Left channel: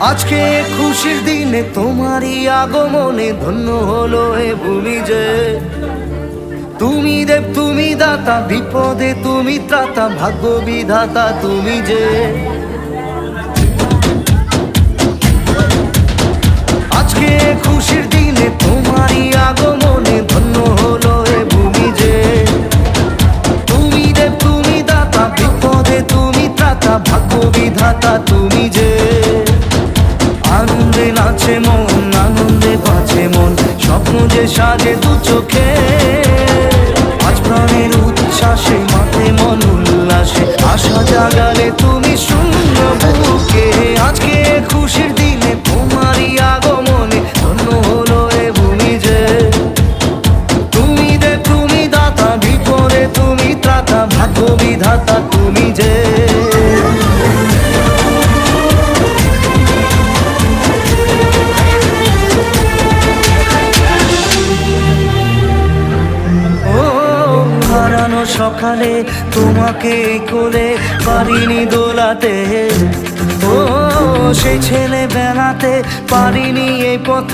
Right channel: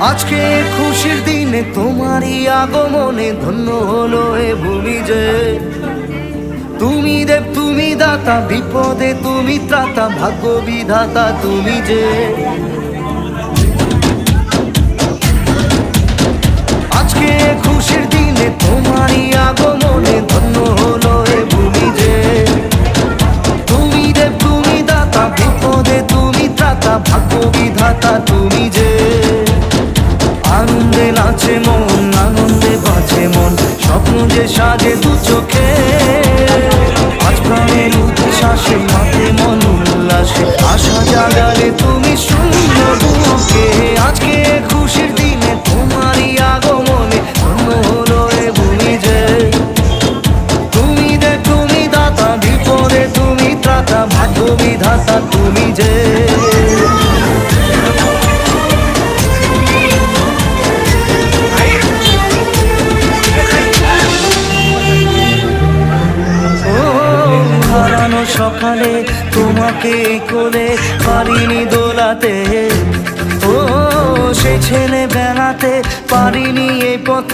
আজকে খুশির দিনে তোমারই আগমনে ধন্য হলো এ ভূমি যে। তুমি দেব তুমি দাতা, বিপদে তুমি ত্রাতা, ভাগ্য বিধাতা তুমি যে। আজকে খুশির দিনে তোমারই আগমনে ধন্য হলো এ ভূমি যে। তুমি দেব তুমি দাতা, বিপদে তুমি ত্রাতা, ভাগ্য বিধাতা তুমি যে। আনন্দে নাচে মন, আনন্দে বাঁচে মন, স্বপ্ন যে সাজে দু চোখে। আজ প্রাণের উচ্ছ্বাসে মাতে মন উল্লাসে, আশা জাগালে তুমি শূন্য বুকে। আজকে খুশির দিনে তোমারই আগমনে ধন্য হলো এ ভূমি যে। তুমি দেব তুমি দাতা, বিপদে তুমি ত্রাতা, ভাগ্য বিধাতা তুমি যে। হারানো সকালে তোমাকে কোলে পারিনি দোলাতে, ও সেই ছেলে বেলাতে পারিনি এই পথে।